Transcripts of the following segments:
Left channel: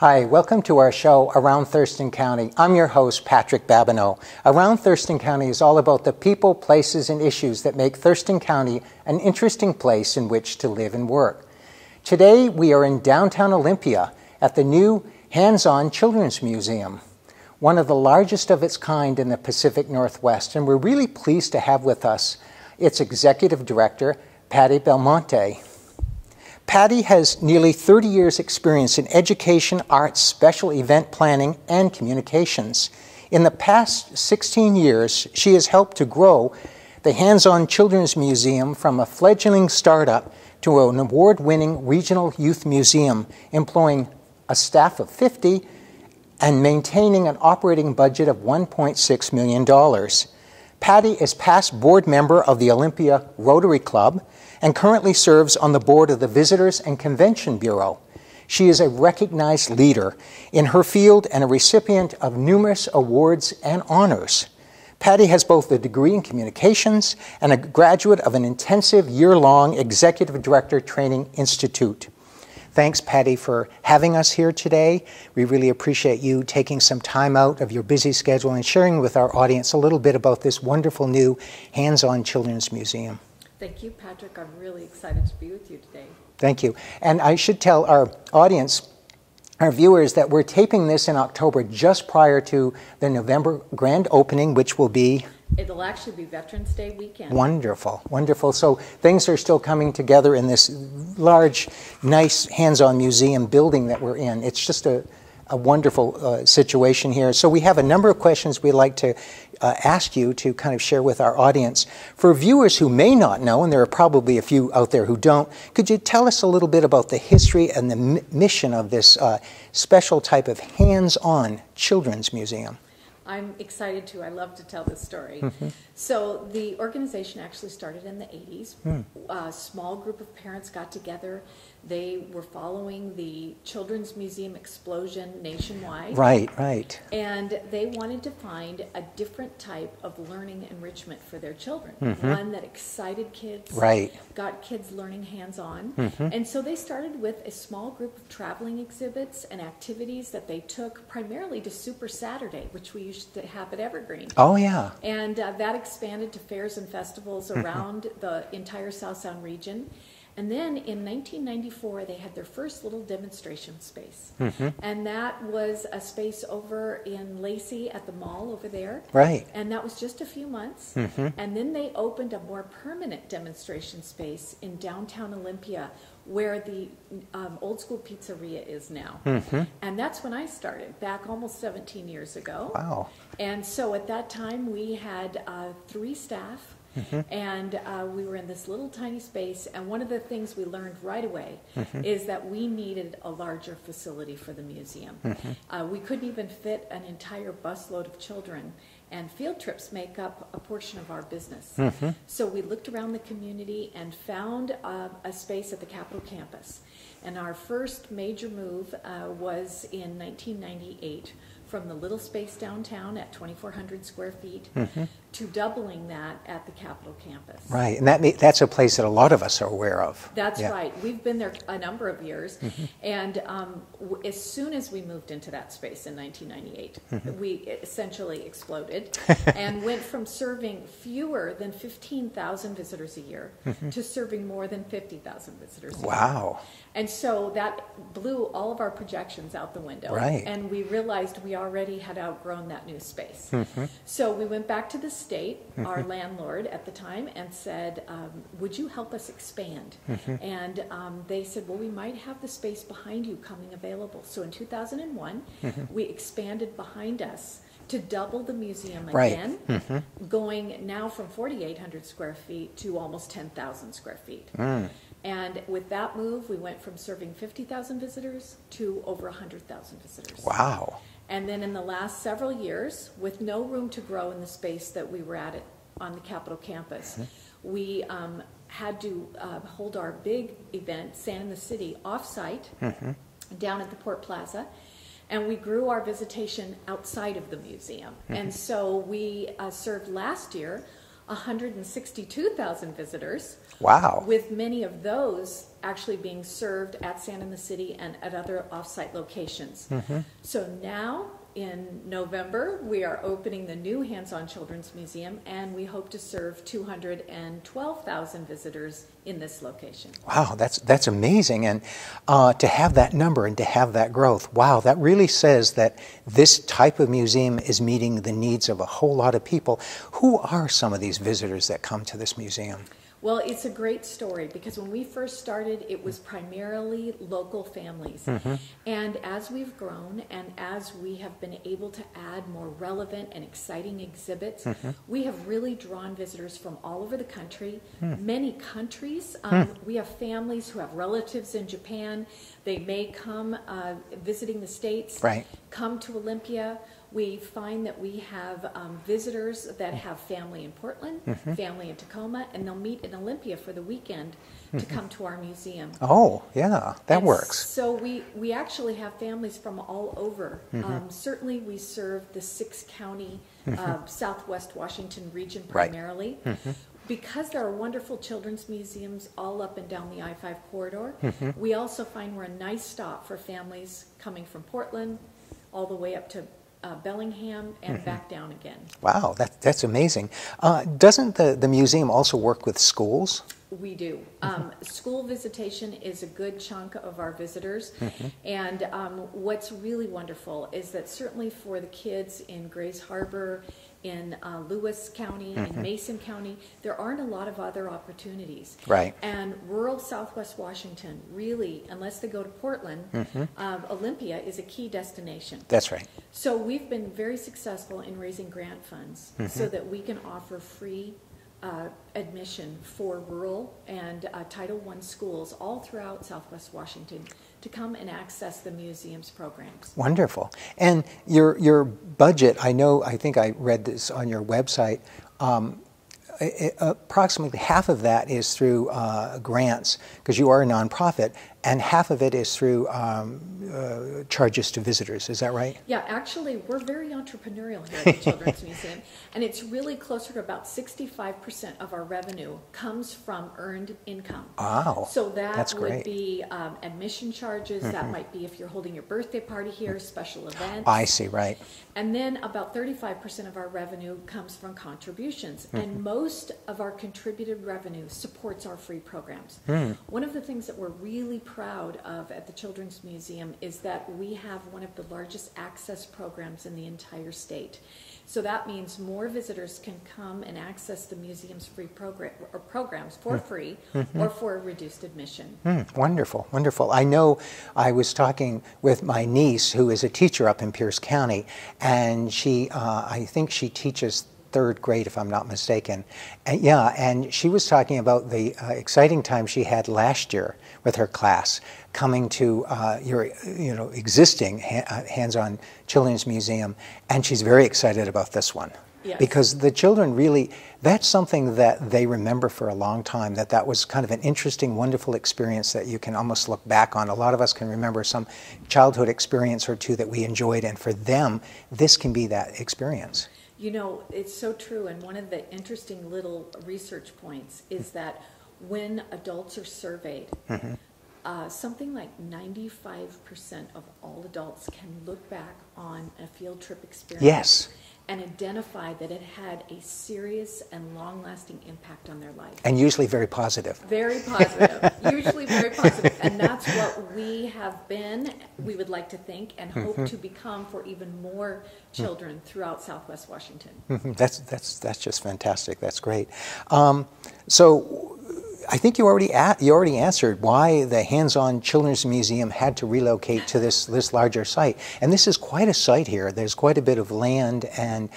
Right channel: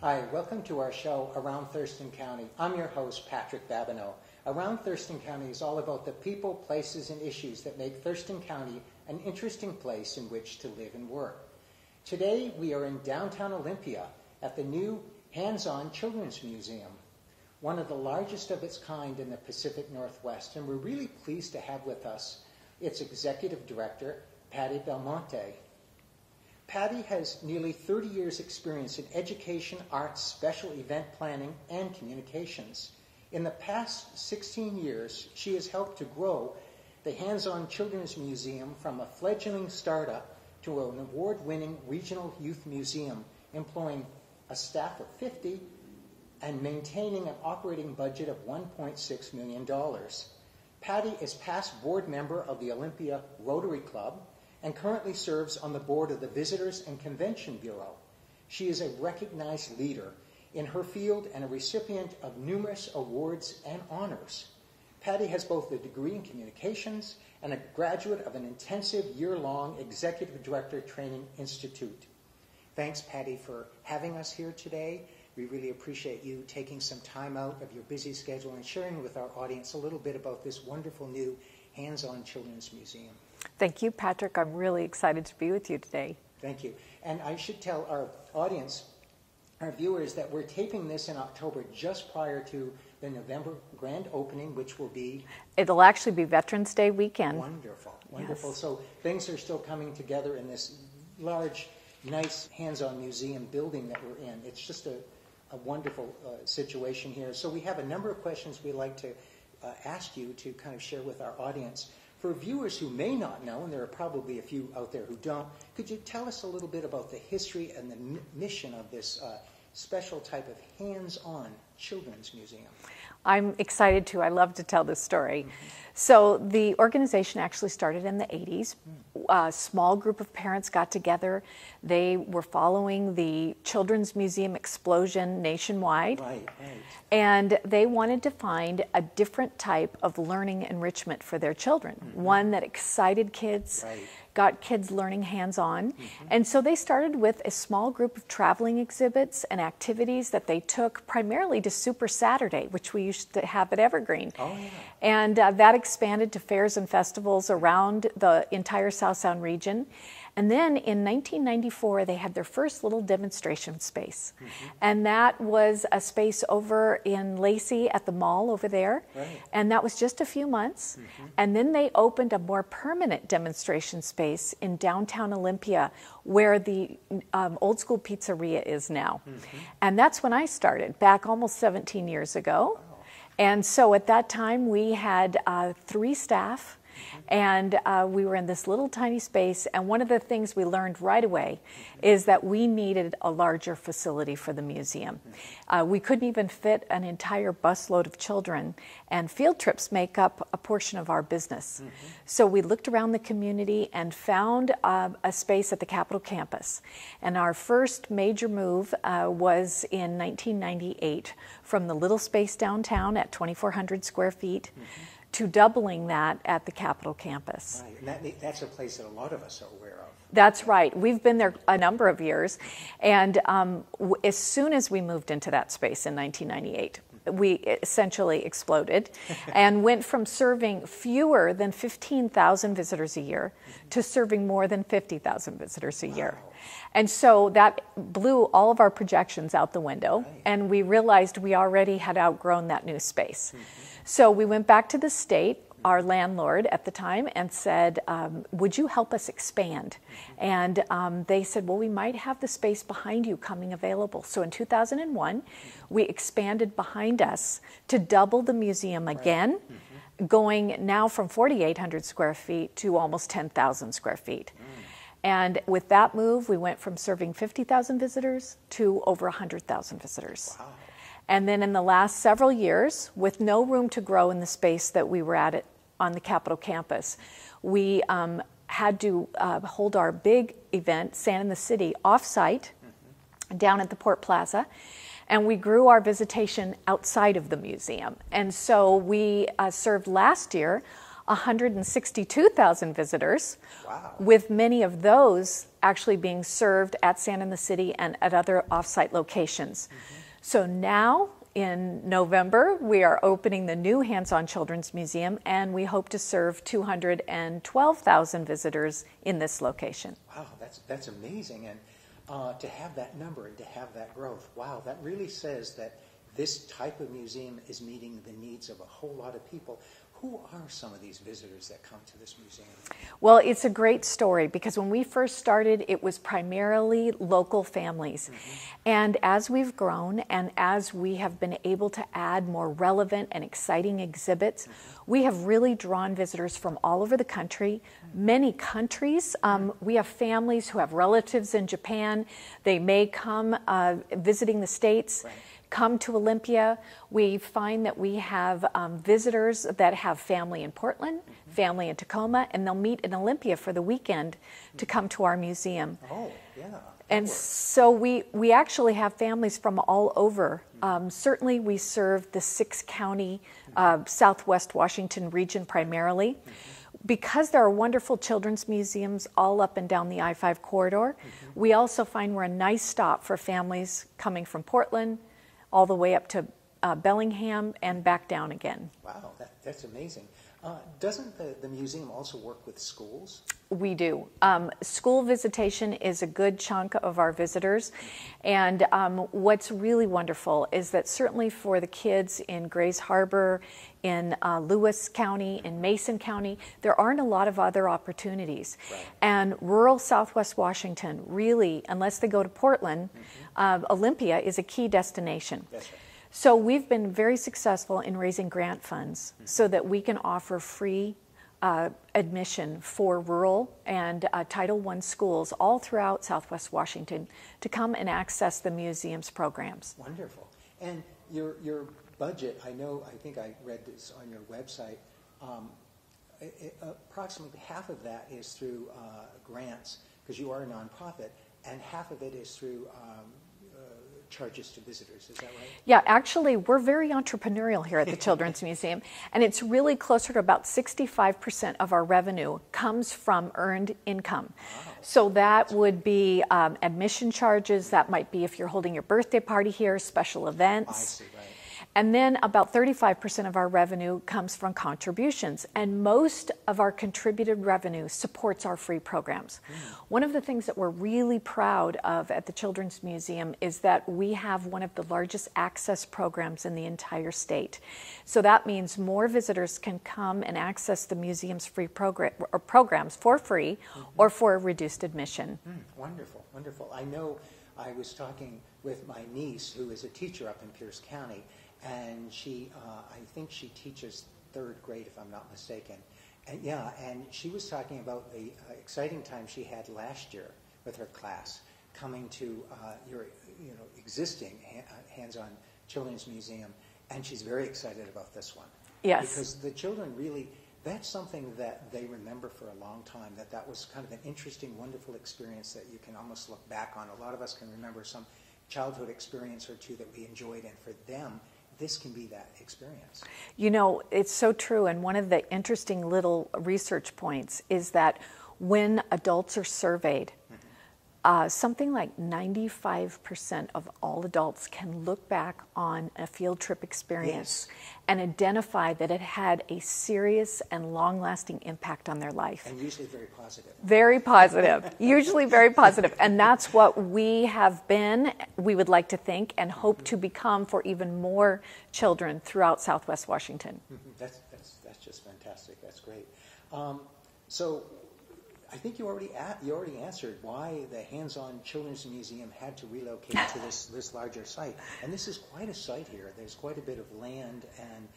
Hi, welcome to our show, Around Thurston County. I'm your host, Patrick Babineau. Around Thurston County is all about the people, places, and issues that make Thurston County an interesting place in which to live and work. Today, we are in downtown Olympia at the new Hands-On Children's Museum, one of the largest of its kind in the Pacific Northwest, and we're really pleased to have with us its executive director, Patty Belmonte. Patty has nearly 30 years' experience in education, arts, special event planning, and communications. In the past 16 years, she has helped to grow the Hands-On Children's Museum from a fledgling startup to an award-winning regional youth museum, employing a staff of 50 and maintaining an operating budget of $1.6 million. Patty is past board member of the Olympia Rotary Club and currently serves on the board of the Visitors and Convention Bureau. She is a recognized leader in her field and a recipient of numerous awards and honors. Patty has both a degree in communications and a graduate of an intensive year-long Executive Director Training Institute. Thanks, Patty, for having us here today. We really appreciate you taking some time out of your busy schedule and sharing with our audience a little bit about this wonderful new Hands-On Children's Museum. Thank you, Patrick. I'm really excited to be with you today. Thank you. And I should tell our audience, our viewers, that we're taping this in October just prior to the November grand opening, which will be... It'll actually be Veterans Day weekend. Wonderful, wonderful. So things are still coming together in this large, nice hands-on museum building that we're in. It's just a wonderful situation here. So we have a number of questions we'd like to ask you to kind of share with our audience. For viewers who may not know, and there are probably a few out there who don't, could you tell us a little bit about the history and the mission of this special type of hands-on children's museum? I'm excited to. I love to tell this story. So the organization actually started in the 80s. A small group of parents got together. They were following the Children's Museum explosion nationwide. Right. And they wanted to find a different type of learning enrichment for their children. One that excited kids, got kids learning hands-on. And so they started with a small group of traveling exhibits and activities that they took primarily to Super Saturday, which we used to have at Evergreen. Oh, yeah. And that expanded to fairs and festivals around the entire South Sound region. And then in 1994, they had their first little demonstration space. And that was a space over in Lacey at the mall over there. Right. And that was just a few months. And then they opened a more permanent demonstration space in downtown Olympia, where the old school pizzeria is now. And that's when I started, back almost 17 years ago. Wow. And so at that time, we had 3 staff. And we were in this little tiny space, and one of the things we learned right away is that we needed a larger facility for the museum. We couldn't even fit an entire busload of children, and field trips make up a portion of our business. So we looked around the community and found a space at the Capitol campus. And our first major move was in 1998 from the little space downtown at 2,400 square feet to doubling that at the Capitol campus. Right, and that's a place that a lot of us are aware of. That's right. We've been there a number of years, and as soon as we moved into that space in 1998, we essentially exploded and went from serving fewer than 15,000 visitors a year to serving more than 50,000 visitors a year. Wow. And so that blew all of our projections out the window, and we realized we already had outgrown that new space. So we went back to the state, our landlord at the time, and said, would you help us expand? And they said, well, we might have the space behind you coming available. So in 2001, we expanded behind us to double the museum again, going now from 4,800 square feet to almost 10,000 square feet. And with that move, we went from serving 50,000 visitors to over 100,000 visitors. Wow. And then in the last several years, with no room to grow in the space that we were at on the Capitol campus, we had to hold our big event, Sand in the City, off-site, down at the Port Plaza. And we grew our visitation outside of the museum. And so we served last year 162,000 visitors. Wow. With many of those actually being served at Sand in the City and at other off-site locations. So now, in November, we are opening the new Hands-On Children's Museum, and we hope to serve 212,000 visitors in this location. Wow, that's amazing. And to have that number and to have that growth, wow, that really says that this type of museum is meeting the needs of a whole lot of people. Who are some of these visitors that come to this museum? Well, it's a great story because when we first started, it was primarily local families. And as we've grown and as we have been able to add more relevant and exciting exhibits, we have really drawn visitors from all over the country, many countries. We have families who have relatives in Japan. They may come visiting the States, come to Olympia. We find that we have visitors that have family in Portland, family in Tacoma, and they'll meet in Olympia for the weekend to come to our museum. Oh, yeah, that works. So we actually have families from all over. Certainly we serve the 6-county Southwest Washington region primarily. Because there are wonderful children's museums all up and down the I-5 corridor, we also find we're a nice stop for families coming from Portland all the way up to Bellingham and back down again. Wow, that's amazing. Doesn't the museum also work with schools? We do. School visitation is a good chunk of our visitors. And what's really wonderful is that certainly for the kids in Grays Harbor, in Lewis County, in Mason County, there aren't a lot of other opportunities. And rural Southwest Washington, really, unless they go to Portland, Olympia is a key destination. That's right. So we've been very successful in raising grant funds so that we can offer free admission for rural and Title I schools all throughout Southwest Washington to come and access the museum's programs. Wonderful. And your budget, I think I read this on your website, approximately half of that is through grants, because you are a nonprofit, and half of it is through charges to visitors. Is that right? Yeah, actually, we're very entrepreneurial here at the Children's Museum, and it's really closer to about 65% of our revenue comes from earned income. Wow. So That's would great. be admission charges. That might be if you're holding your birthday party here, special events. I see, right. And then about 35% of our revenue comes from contributions, and most of our contributed revenue supports our free programs. One of the things that we're really proud of at the Children's Museum is that we have one of the largest access programs in the entire state. So that means more visitors can come and access the museum's free programs for free or for a reduced admission. Wonderful, wonderful. I know I was talking with my niece, who is a teacher up in Pierce County, and she, I think she teaches 3rd grade, if I'm not mistaken. And, yeah, and she was talking about the exciting time she had last year with her class, coming to your existing Hands-On Children's Museum, and she's very excited about this one. Yes. Because the children really, that's something that they remember for a long time, that was kind of an interesting, wonderful experience that you can almost look back on. A lot of us can remember some childhood experience or two that we enjoyed, and for them, this can be that experience. You know, it's so true, and one of the interesting little research points is that when adults are surveyed, something like 95% of all adults can look back on a field trip experience and identify that it had a serious and long-lasting impact on their life. And usually very positive. Very positive, usually very positive. And that's what we have been, we would like to think, and hope to become for even more children throughout Southwest Washington. That's just fantastic. That's great. So I think you already answered why the Hands-On Children's Museum had to relocate to this larger site. And this is quite a site here. There's quite a bit of land, and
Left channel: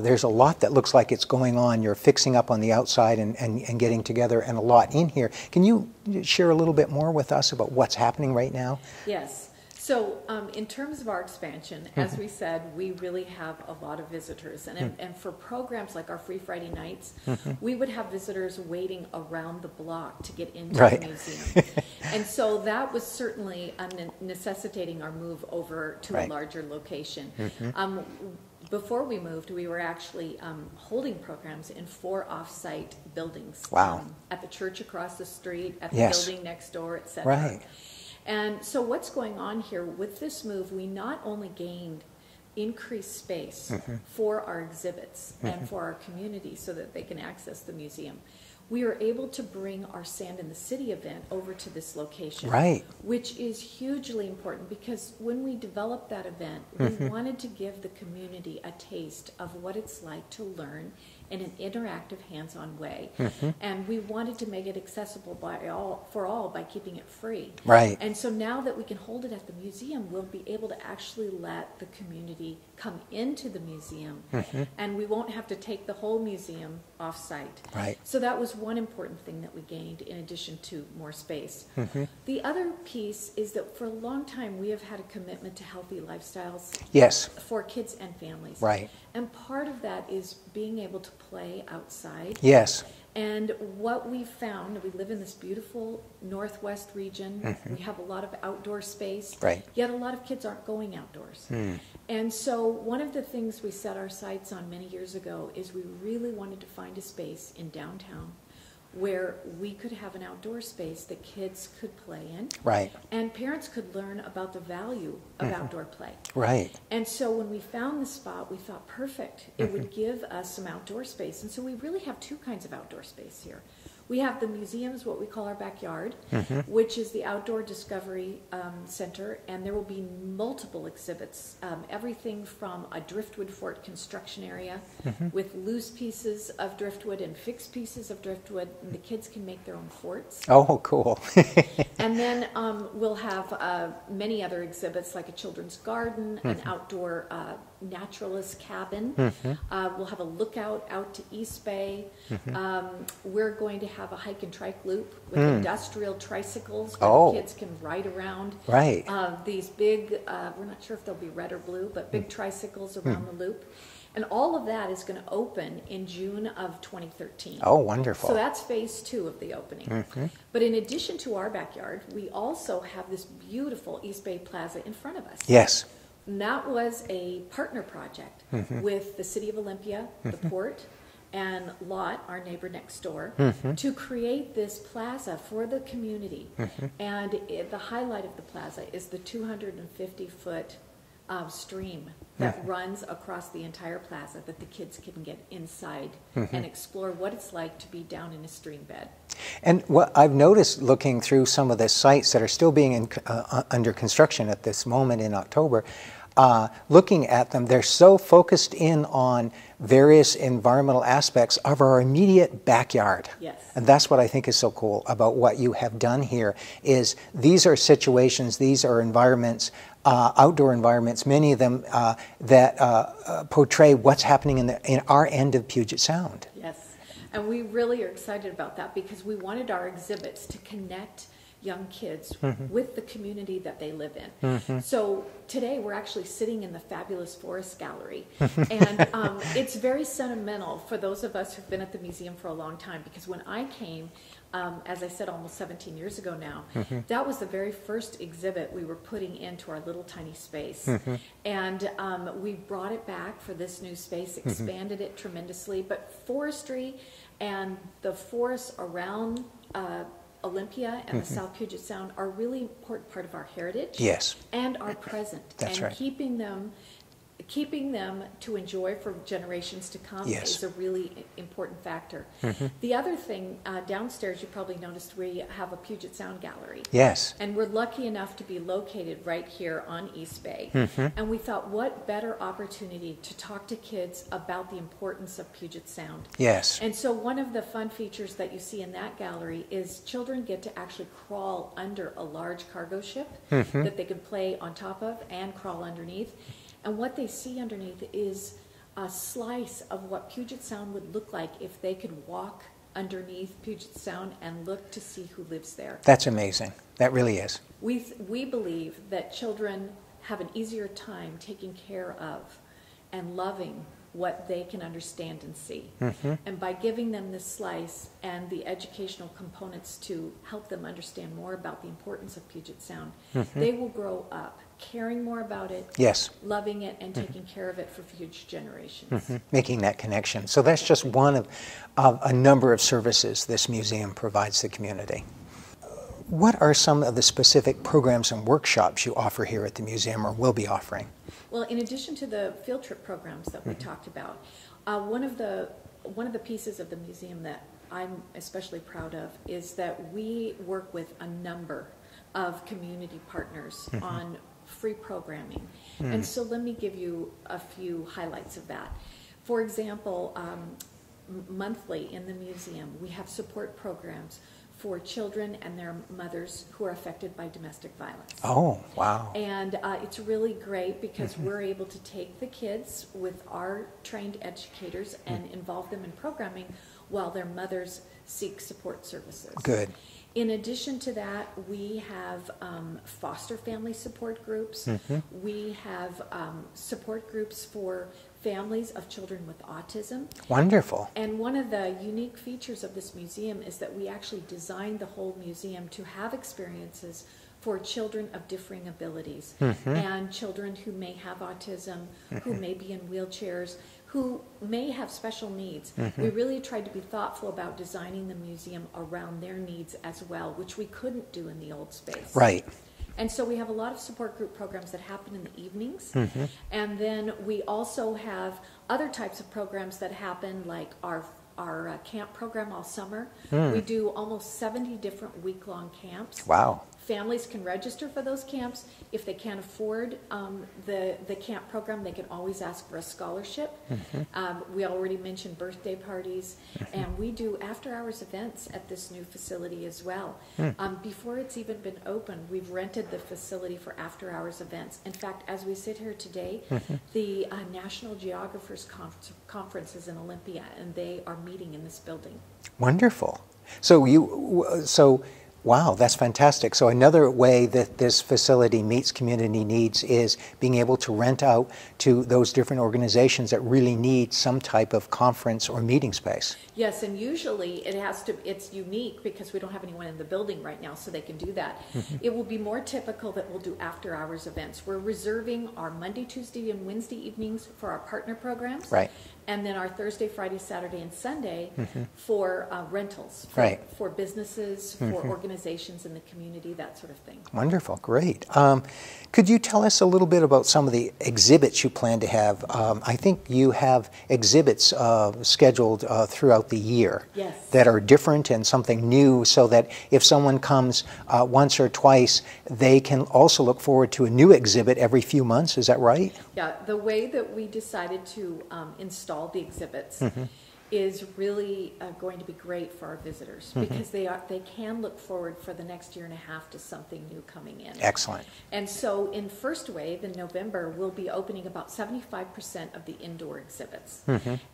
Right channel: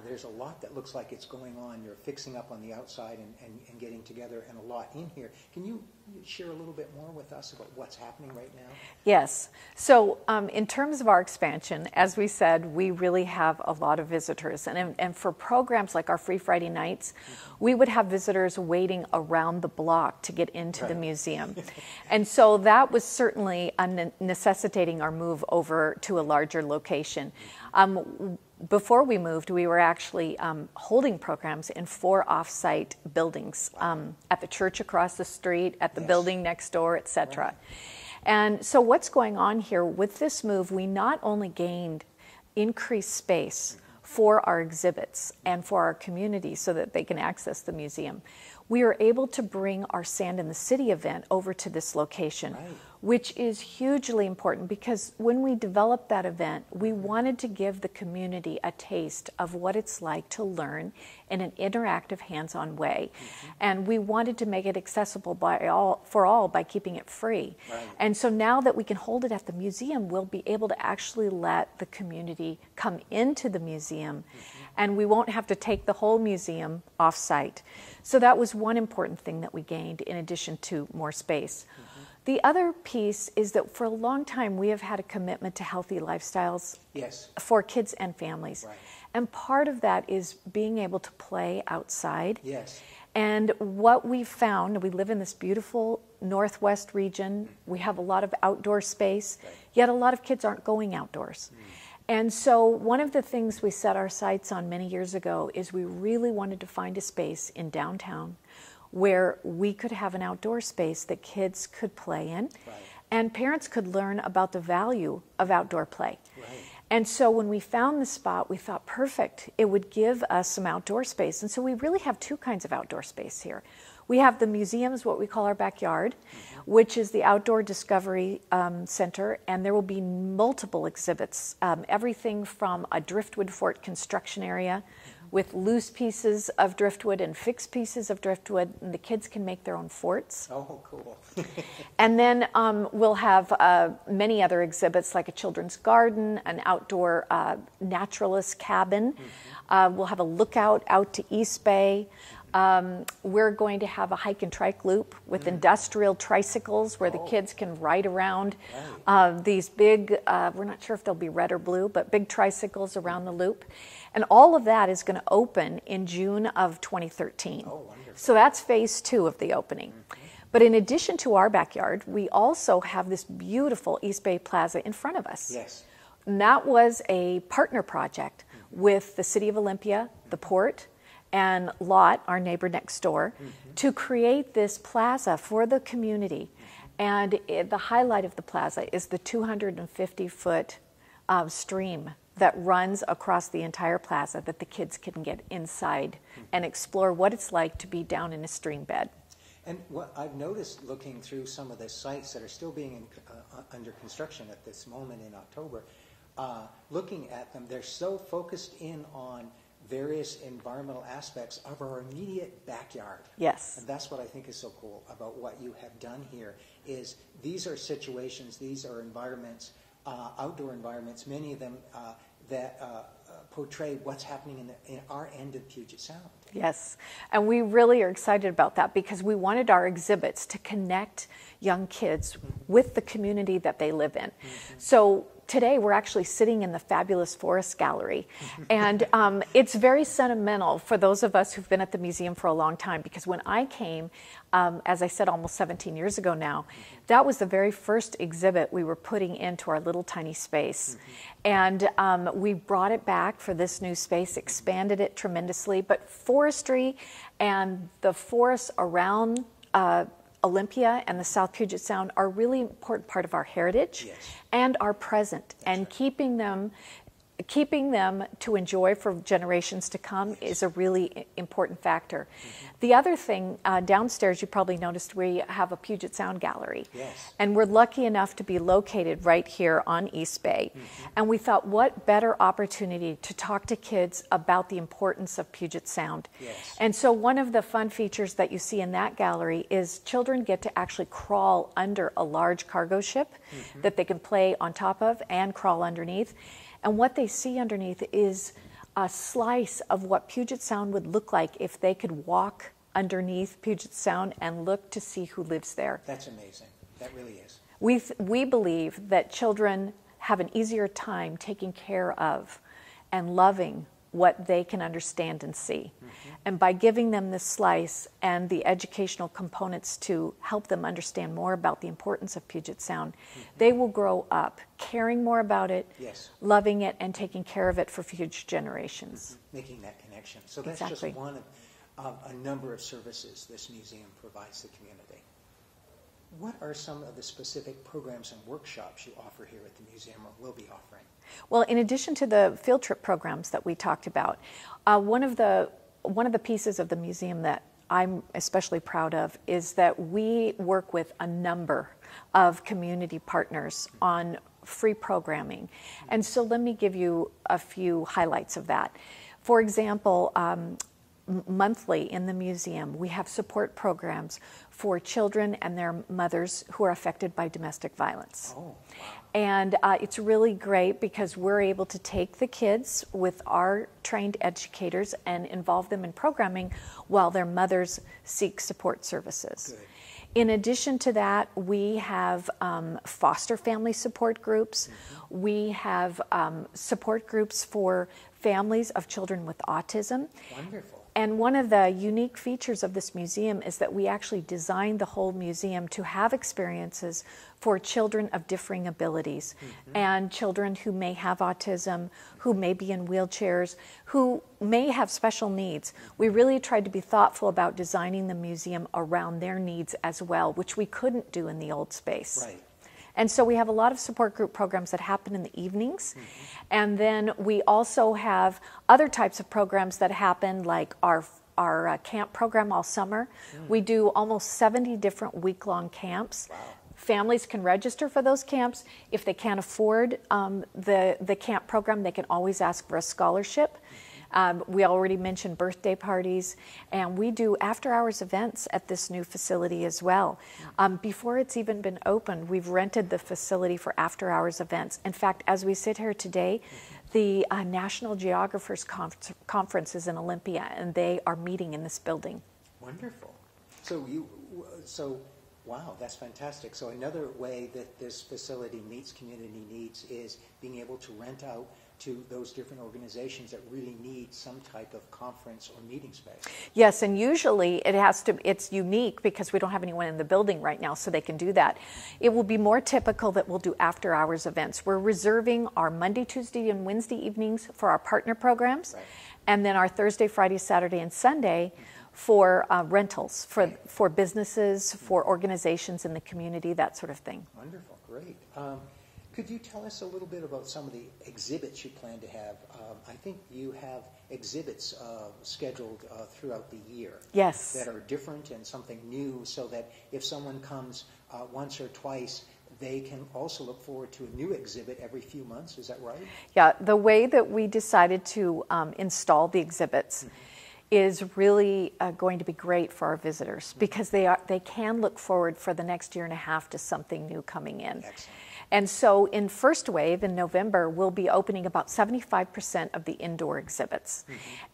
there's a lot that looks like it's going on. You're fixing up on the outside and getting together, and a lot in here. Can you share a little bit more with us about what's happening right now? Yes. So in terms of our expansion, as we said, we really have a lot of visitors. And for programs like our Free Friday nights, we would have visitors waiting around the block to get into the museum. And so that was certainly necessitating our move over to a larger location. before we moved, we were actually holding programs in 4 off-site buildings. Wow. At the church across the street, at the Yes. building next door, etc. Right. And so what's going on here with this move, we not only gained increased space for our exhibits and for our community so that they can access the museum, we are able to bring our Sand in the City event over to this location, Right. which is hugely important because when we developed that event, we wanted to give the community a taste of what it's like to learn in an interactive, hands-on way. And we wanted to make it accessible for all by keeping it free. Right. And so now that we can hold it at the museum, we'll be able to actually let the community come into the museum, and we won't have to take the whole museum off-site. Right. So that was one important thing that we gained in addition to more space. The other piece is that for a long time we have had a commitment to healthy lifestyles Yes. for kids and families. Right. And part of that is being able to play outside. Yes. And what we found, we live in this beautiful northwest region. We have a lot of outdoor space. Right. Yet a lot of kids aren't going outdoors. And so one of the things we set our sights on many years ago is we really wanted to find a space in downtown where we could have an outdoor space that kids could play in. Right. And parents could learn about the value of outdoor play. Right. And so when we found the spot, we thought, perfect, it would give us some outdoor space. And so we really have 2 kinds of outdoor space here. We have the museums, what we call our backyard, which is the Outdoor Discovery Center, and there will be multiple exhibits, everything from a driftwood fort construction area with loose pieces of driftwood and fixed pieces of driftwood, and the kids can make their own forts. Oh, cool. And then we'll have many other exhibits like a children's garden, an outdoor naturalist cabin. We'll have a lookout out to East Bay. We're going to have a hike and trike loop with industrial tricycles where the kids can ride around. Right. These big, we're not sure if they'll be red or blue, but big tricycles around the loop. And all of that is going to open in June of 2013. Oh, wonderful. So that's phase 2 of the opening. But in addition to our backyard, we also have this beautiful East Bay Plaza in front of us. Yes. And that was a partner project with the City of Olympia, the port, and Lot, our neighbor next door, to create this plaza for the community. And the highlight of the plaza is the 250-foot stream that runs across the entire plaza that the kids can get inside and explore what it's like to be down in a stream bed. And what I've noticed looking through some of the sites that are still being under construction at this moment in October, looking at them, they're so focused in on various environmental aspects of our immediate backyard. Yes. And that's what I think is so cool about what you have done here, is these are situations, these are environments, outdoor environments, many of them that portray what's happening in our end of Puget Sound. Yes, and we really are excited about that because we wanted our exhibits to connect young kids with the community that they live in. So today we're actually sitting in the fabulous Forest Gallery, and it's very sentimental for those of us who've been at the museum for a long time, because when I came, as I said, almost 17 years ago now, that was the very first exhibit we were putting into our little tiny space. And we brought it back for this new space, expanded it tremendously, but forestry and the forests around Olympia and the South Puget Sound are a really important part of our heritage. Yes. And our present. That's and right. keeping them to enjoy for generations to come Yes. is a really important factor. The other thing, downstairs you probably noticed we have a Puget Sound gallery. Yes. And we're lucky enough to be located right here on East Bay. And we thought, what better opportunity to talk to kids about the importance of Puget Sound. Yes. And so one of the fun features that you see in that gallery is children get to actually crawl under a large cargo ship that they can play on top of and crawl underneath. And what they see underneath is a slice of what Puget Sound would look like if they could walk underneath Puget Sound and look to see who lives there. That's amazing. That really is. We believe that children have an easier time taking care of and loving what they can understand and see. And by giving them this slice and the educational components to help them understand more about the importance of Puget Sound, they will grow up caring more about it, yes, loving it, and taking care of it for future generations. Making that connection. So that's just one of a number of services this museum provides the community. What are some of the specific programs and workshops you offer here at the museum or will be offering? Well, in addition to the field trip programs that we talked about, one of the pieces of the museum that I'm especially proud of is that we work with a number of community partners on free programming. And so let me give you a few highlights of that. For example, monthly in the museum, we have support programs for children and their mothers who are affected by domestic violence. Oh, wow. And it's really great because we're able to take the kids with our trained educators and involve them in programming while their mothers seek support services. Good. In addition to that, we have foster family support groups. We have support groups for families of children with autism. Wonderful. And one of the unique features of this museum is that we actually designed the whole museum to have experiences for children of differing abilities and children who may have autism, who may be in wheelchairs, who may have special needs. We really tried to be thoughtful about designing the museum around their needs as well, which we couldn't do in the old space. Right. And so we have a lot of support group programs that happen in the evenings. And then we also have other types of programs that happen, like our camp program all summer. We do almost 70 different week-long camps. Wow. Families can register for those camps. If they can't afford the camp program, they can always ask for a scholarship. We already mentioned birthday parties, and we do after-hours events at this new facility as well. Before it's even been opened, we've rented the facility for after-hours events. In fact, as we sit here today, the National Geographers Conference is in Olympia, and they are meeting in this building. Wonderful. So wow, that's fantastic. So another way that this facility meets community needs is being able to rent out to those different organizations that really need some type of conference or meeting space. Yes, and usually it's unique because we don't have anyone in the building right now, so they can do that. It will be more typical that we'll do after-hours events. We're reserving our Monday, Tuesday, and Wednesday evenings for our partner programs. Right. And then our Thursday, Friday, Saturday, and Sunday for rentals, for businesses, for organizations in the community, that sort of thing. Wonderful, great. Could you tell us a little bit about some of the exhibits you plan to have? I think you have exhibits scheduled throughout the year. Yes. That are different and something new, so that if someone comes once or twice, they can also look forward to a new exhibit every few months. Is that right? Yeah, the way that we decided to install the exhibits is really going to be great for our visitors because they can look forward for the next year and a half to something new coming in. Excellent. And so in first wave in November, we'll be opening about 75% of the indoor exhibits.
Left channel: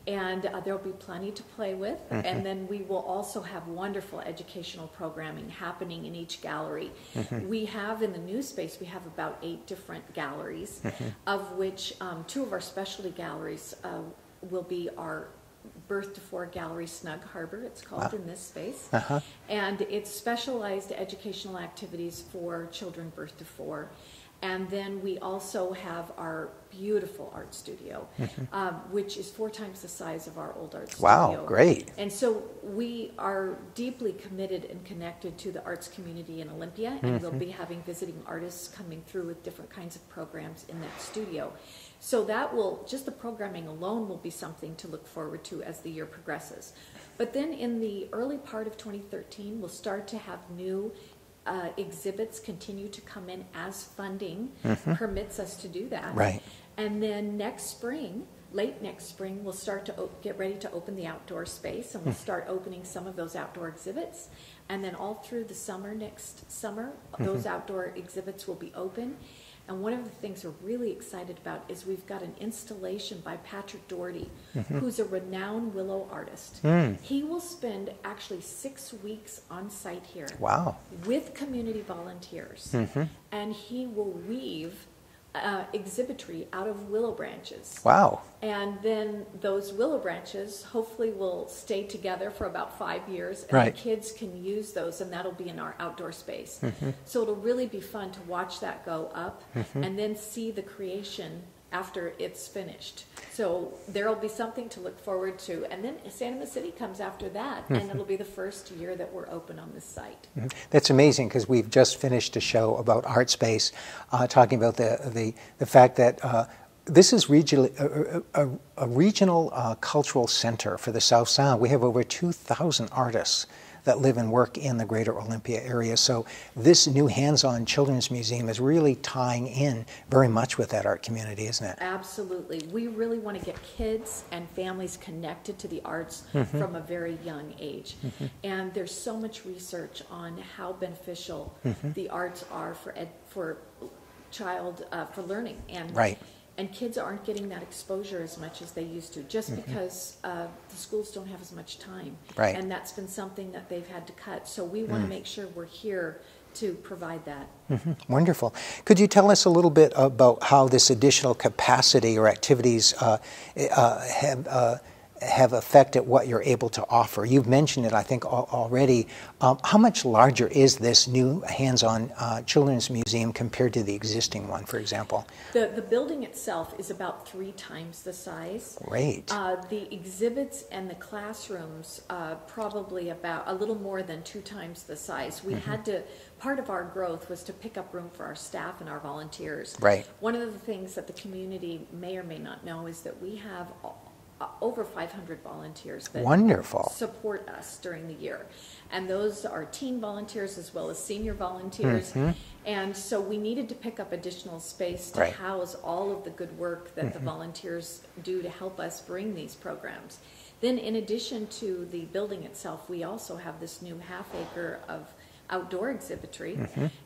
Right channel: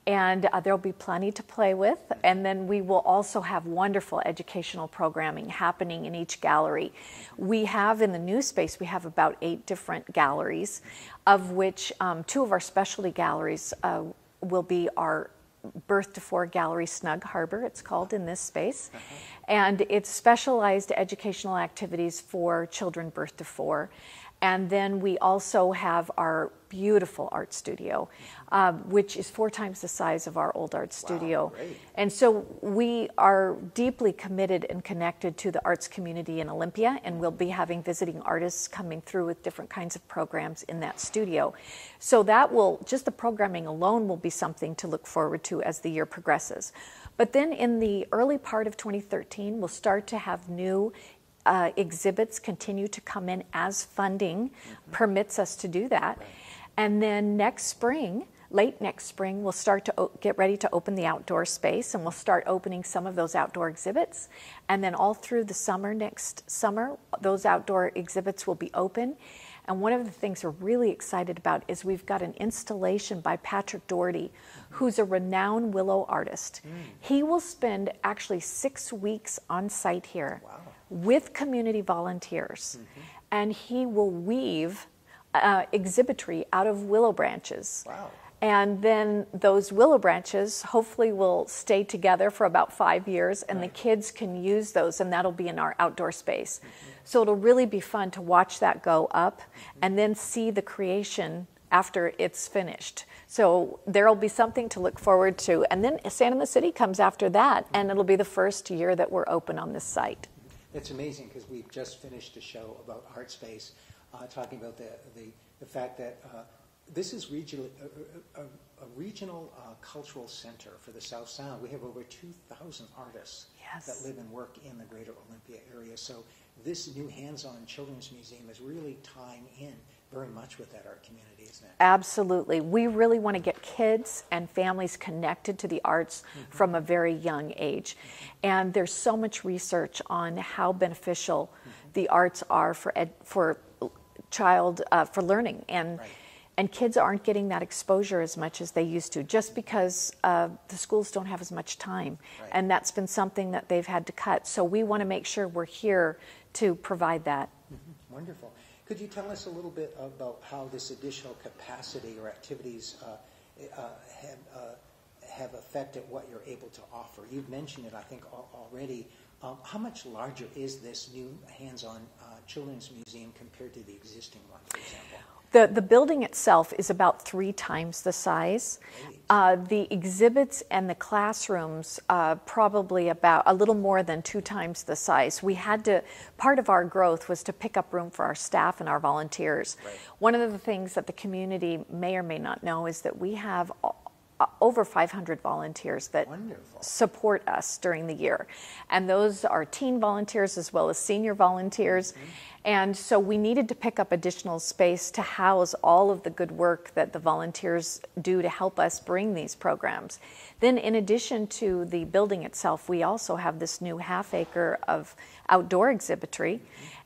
And there'll be plenty to play with. And then we will also have wonderful educational programming happening in each gallery. We have in the new space, we have about 8 different galleries, of which 2 of our specialty galleries will be our Birth to 4 Gallery, Snug Harbor, it's called in this space. And it's specialized educational activities for children birth to 4. And then we also have our beautiful art studio, which is 4 times the size of our old art studio. Wow, great. And so we are deeply committed and connected to the arts community in Olympia, and we'll be having visiting artists coming through with different kinds of programs in that studio. So that will, just the programming alone will be something to look forward to as the year progresses. But then in the early part of 2013, we'll start to have new exhibits continue to come in as funding permits us to do that. Right. And then next spring, late next spring, we'll start to get ready to open the outdoor space, and we'll start opening some of those outdoor exhibits. And then all through the summer, next summer, those outdoor exhibits will be open. And one of the things we're really excited about is we've got an installation by Patrick Doherty, who's a renowned willow artist. He will spend actually 6 weeks on site here Wow. with community volunteers, and he will weave exhibitry out of willow branches. Wow. And then those willow branches hopefully will stay together for about 5 years, and Right. the kids can use those, and that'll be in our outdoor space. So it'll really be fun to watch that go up and then see the creation after it's finished. So there'll be something to look forward to. And then Santa Ana City comes after that, and it'll be the first year that we're open on this site. That's amazing, because we've just finished a show about art space, talking about the fact that this is a regional cultural center for the South Sound. We have over 2,000 artists that live and work in the greater Olympia area. So this new hands-on children's museum is really tying in very much with that art community, isn't it? Absolutely. We really want to get kids and families connected to the arts from a very young age. And there's so much research on how beneficial the arts are for learning. And Right. And kids aren't getting that exposure as much as they used to, just because the schools don't have as much time. Right. And that's been something that they've had to cut. So we want to make sure we're here to provide that. Wonderful. Could you tell us a little bit about how this additional capacity or activities have affected what you're able to offer? You've mentioned it, I think, already. How much larger is this new hands-on children's museum compared to the existing one, for example? The building itself is about 3 times the size. Great. The exhibits and the classrooms probably about a little more than 2 times the size. We had to, part of our growth was to pick up room for our staff and our volunteers. Right. One of the things that the community may or may not know is that we have over 500 volunteers that Wonderful. support us during the year. And those are teen volunteers as well as senior volunteers. And so we needed to pick up additional space to Right. house all of the good work that the volunteers do to help us bring these programs. Then in addition to the building itself, we also have this new half-acre of outdoor exhibitry,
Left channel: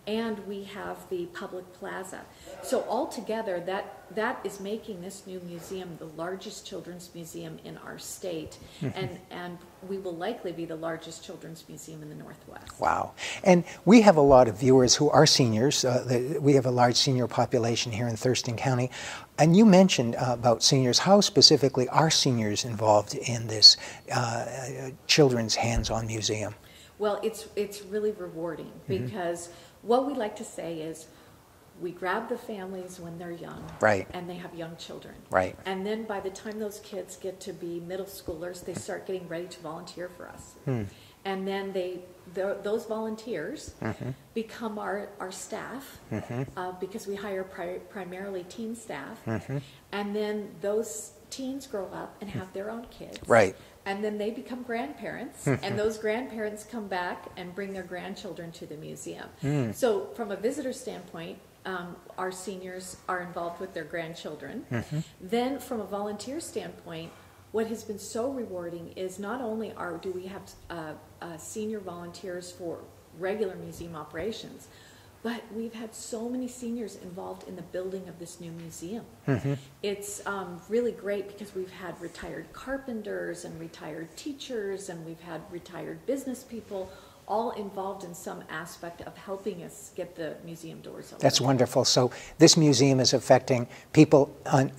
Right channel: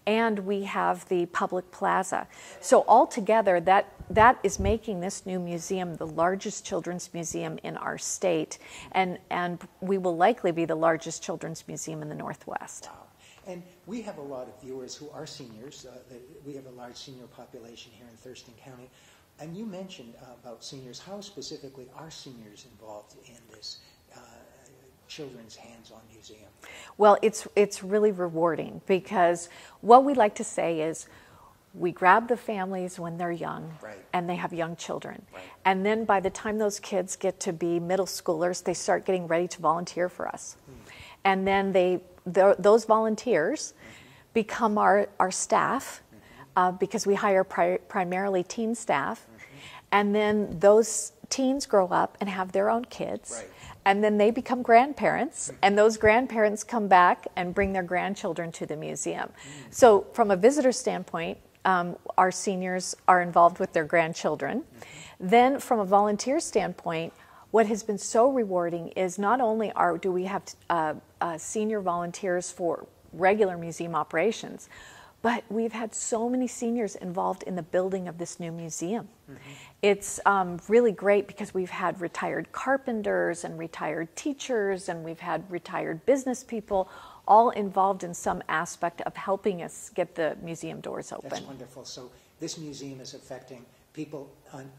and we have the public plaza. So altogether, that is making this new museum the largest children's museum in our state, and we will likely be the largest children's museum in the Northwest. Wow. And we have a lot of viewers who are seniors. We have a large senior population here in Thurston County. And you mentioned about seniors. How specifically are seniors involved in this children's hands-on museum? Well, it's really rewarding, because what we like to say is we grab the families when they're young, Right. and they have young children. Right. And then by the time those kids get to be middle schoolers, they start getting ready to volunteer for us. And then those volunteers become our staff, because we hire primarily teen staff. And then those teens grow up and have their own kids. Right. And then they become grandparents, and those grandparents come back and bring their grandchildren to the museum. So from a visitor standpoint, our seniors are involved with their grandchildren. Then from a volunteer standpoint, what has been so rewarding is not only do we have senior volunteers for regular museum operations, but we've had so many seniors involved in the building of this new museum. It's really great, because we've had retired carpenters and retired teachers, and we've had retired business people, all involved in some aspect of helping us get the museum doors open. That's wonderful. So this museum is affecting people on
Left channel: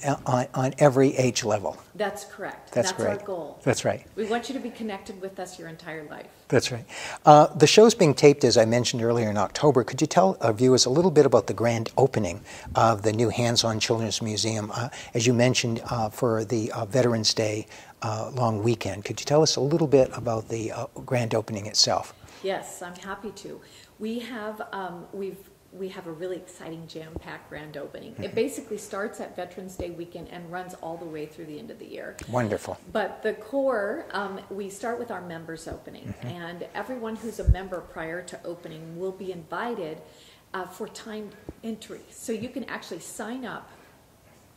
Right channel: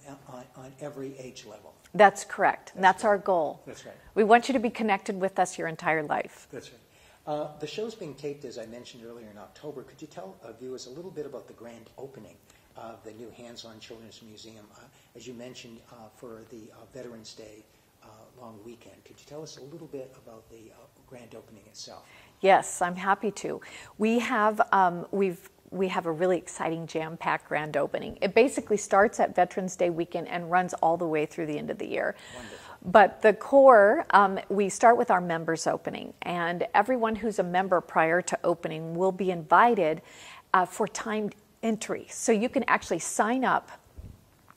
every age level. That's correct. That's our great. goal. That's right. We want you to be connected with us your entire life. That's right. The show's being taped, as I mentioned earlier, in October. Could you tell our viewers a little bit about the grand opening of the new hands-on children's museum? As you mentioned, for the Veterans Day long weekend, could you tell us a little bit about the grand opening itself? Yes, I'm happy to. We have we have a really exciting jam-packed grand opening. It basically starts at Veterans Day weekend and runs all the way through the end of the year. Wonderful. But the core, we start with our members opening, and everyone who's a member prior to opening will be invited for timed entry. So you can actually sign up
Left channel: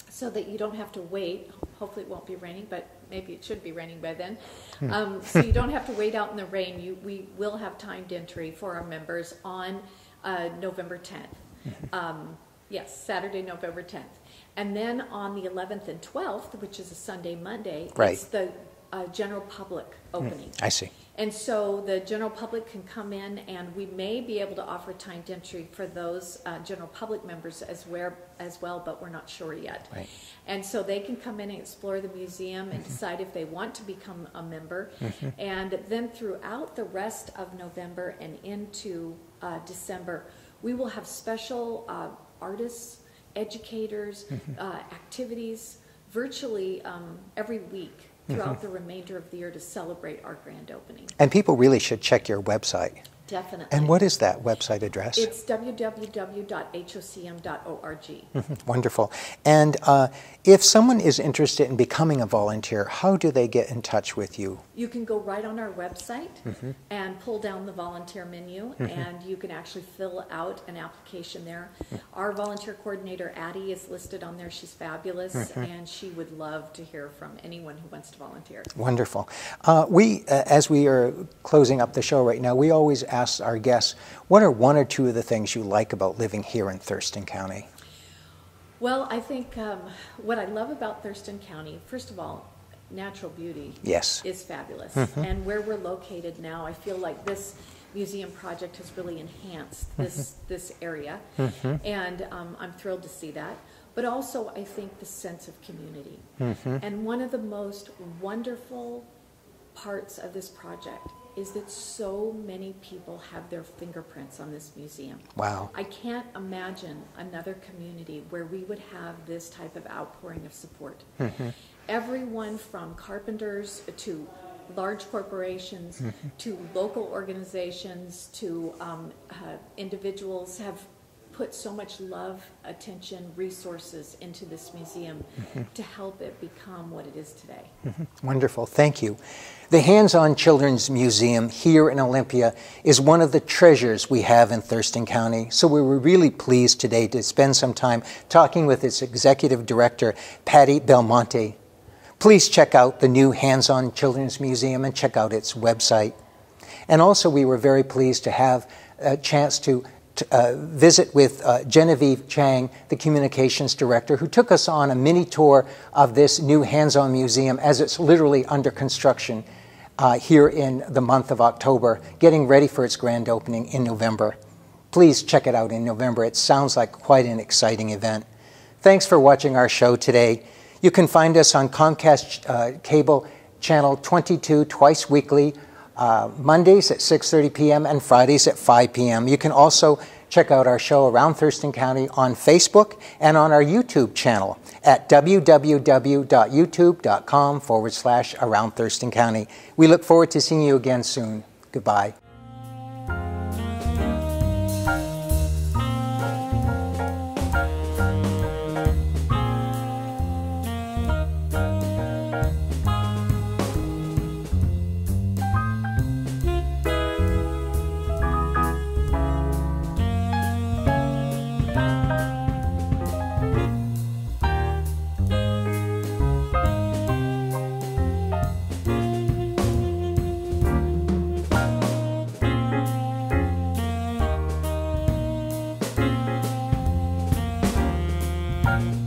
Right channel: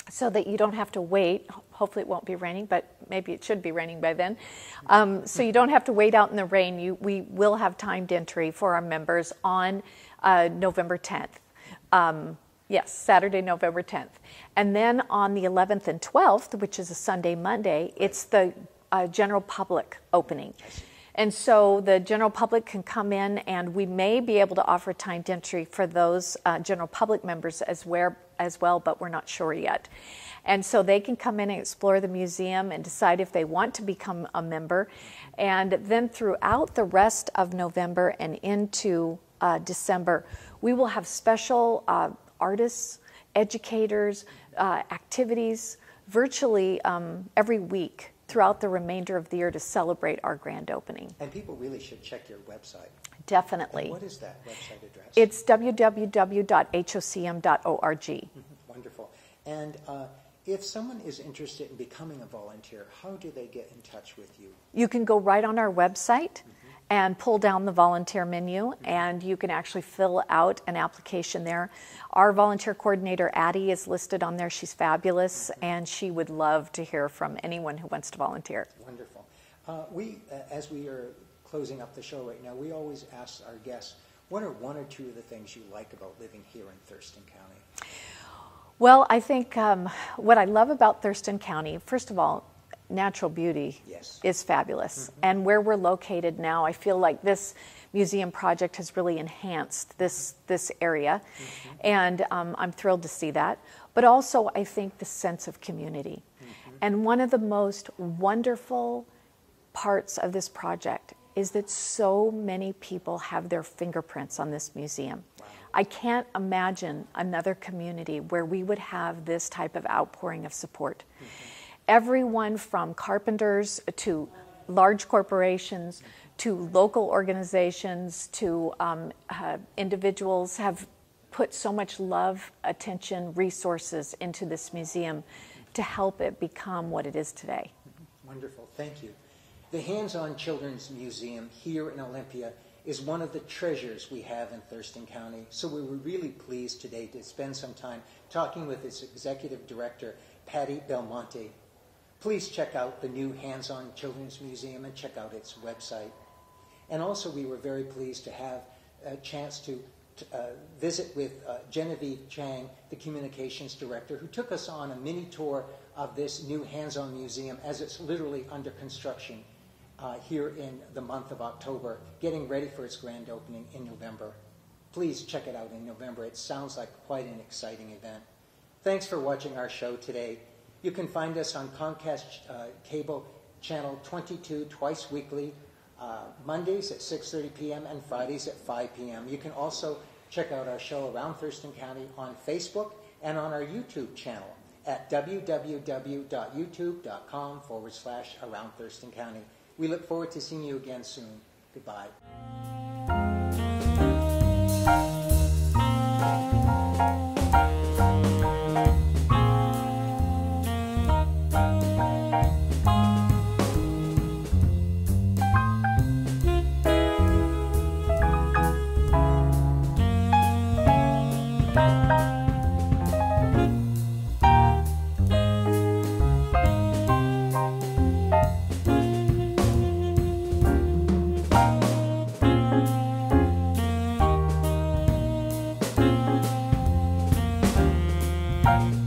so that you don't have to wait. Hopefully it won't be raining, but maybe it should be raining by then. So you don't have to wait out in the rain. We will have timed entry for our members on November 10th. Yes, Saturday, November 10th. And then on the 11th and 12th, which is a Sunday, Monday, Right. it's the general public opening. I see. And so the general public can come in, and we may be able to offer timed entry for those general public members as well, but we're not sure yet. Right. And so they can come in and explore the museum and decide if they want to become a member. And then throughout the rest of November and into December, we will have special artists, educators, activities virtually every week throughout the remainder of the year to celebrate our grand opening. And people really should check your website. Definitely. And what is that website address? It's www.hocm.org. Wonderful. And if someone is interested in becoming a volunteer, how do they get in touch with you? You can go right on our website and pull down the volunteer menu, and you can actually fill out an application there. Our volunteer coordinator, Addie, is listed on there. She's fabulous, and she would love to hear from anyone who wants to volunteer. Wonderful. As we are closing up the show right now, we always ask our guests, what are one or two of the things you like about living here in Thurston County? Well, I think what I love about Thurston County, first of all, natural beauty is fabulous. And where we're located now, I feel like this museum project has really enhanced this area. And I'm thrilled to see that. But also, I think the sense of community. And one of the most wonderful parts of this project is that so many people have their fingerprints on this museum. Wow. I can't imagine another community where we would have this type of outpouring of support. Everyone from carpenters to large corporations to local organizations to individuals have put so much love, attention, resources into this museum to help it become what it is today. Wonderful. Thank you. The Hands-On Children's Museum here in Olympia is one of the treasures we have in Thurston County. So we were really pleased today to spend some time talking with its executive director, Patty Belmonte. Please check out the new Hands-On Children's Museum and check out its website. And also we were very pleased to have a chance to visit with Genevieve Chang, the communications director, who took us on a mini tour of this new Hands-On Museum as it's literally under construction here in the month of October, getting ready for its grand opening in November. Please check it out in November. It sounds like quite an exciting event. Thanks for watching our show today. You can find us on Comcast Cable Channel 22 twice weekly, Mondays at 6:30 p.m. and Fridays at 5 p.m. You can also check out our show Around Thurston County on Facebook and on our YouTube channel at www.youtube.com/Around Thurston County. We look forward to seeing you again soon. Goodbye. Bye.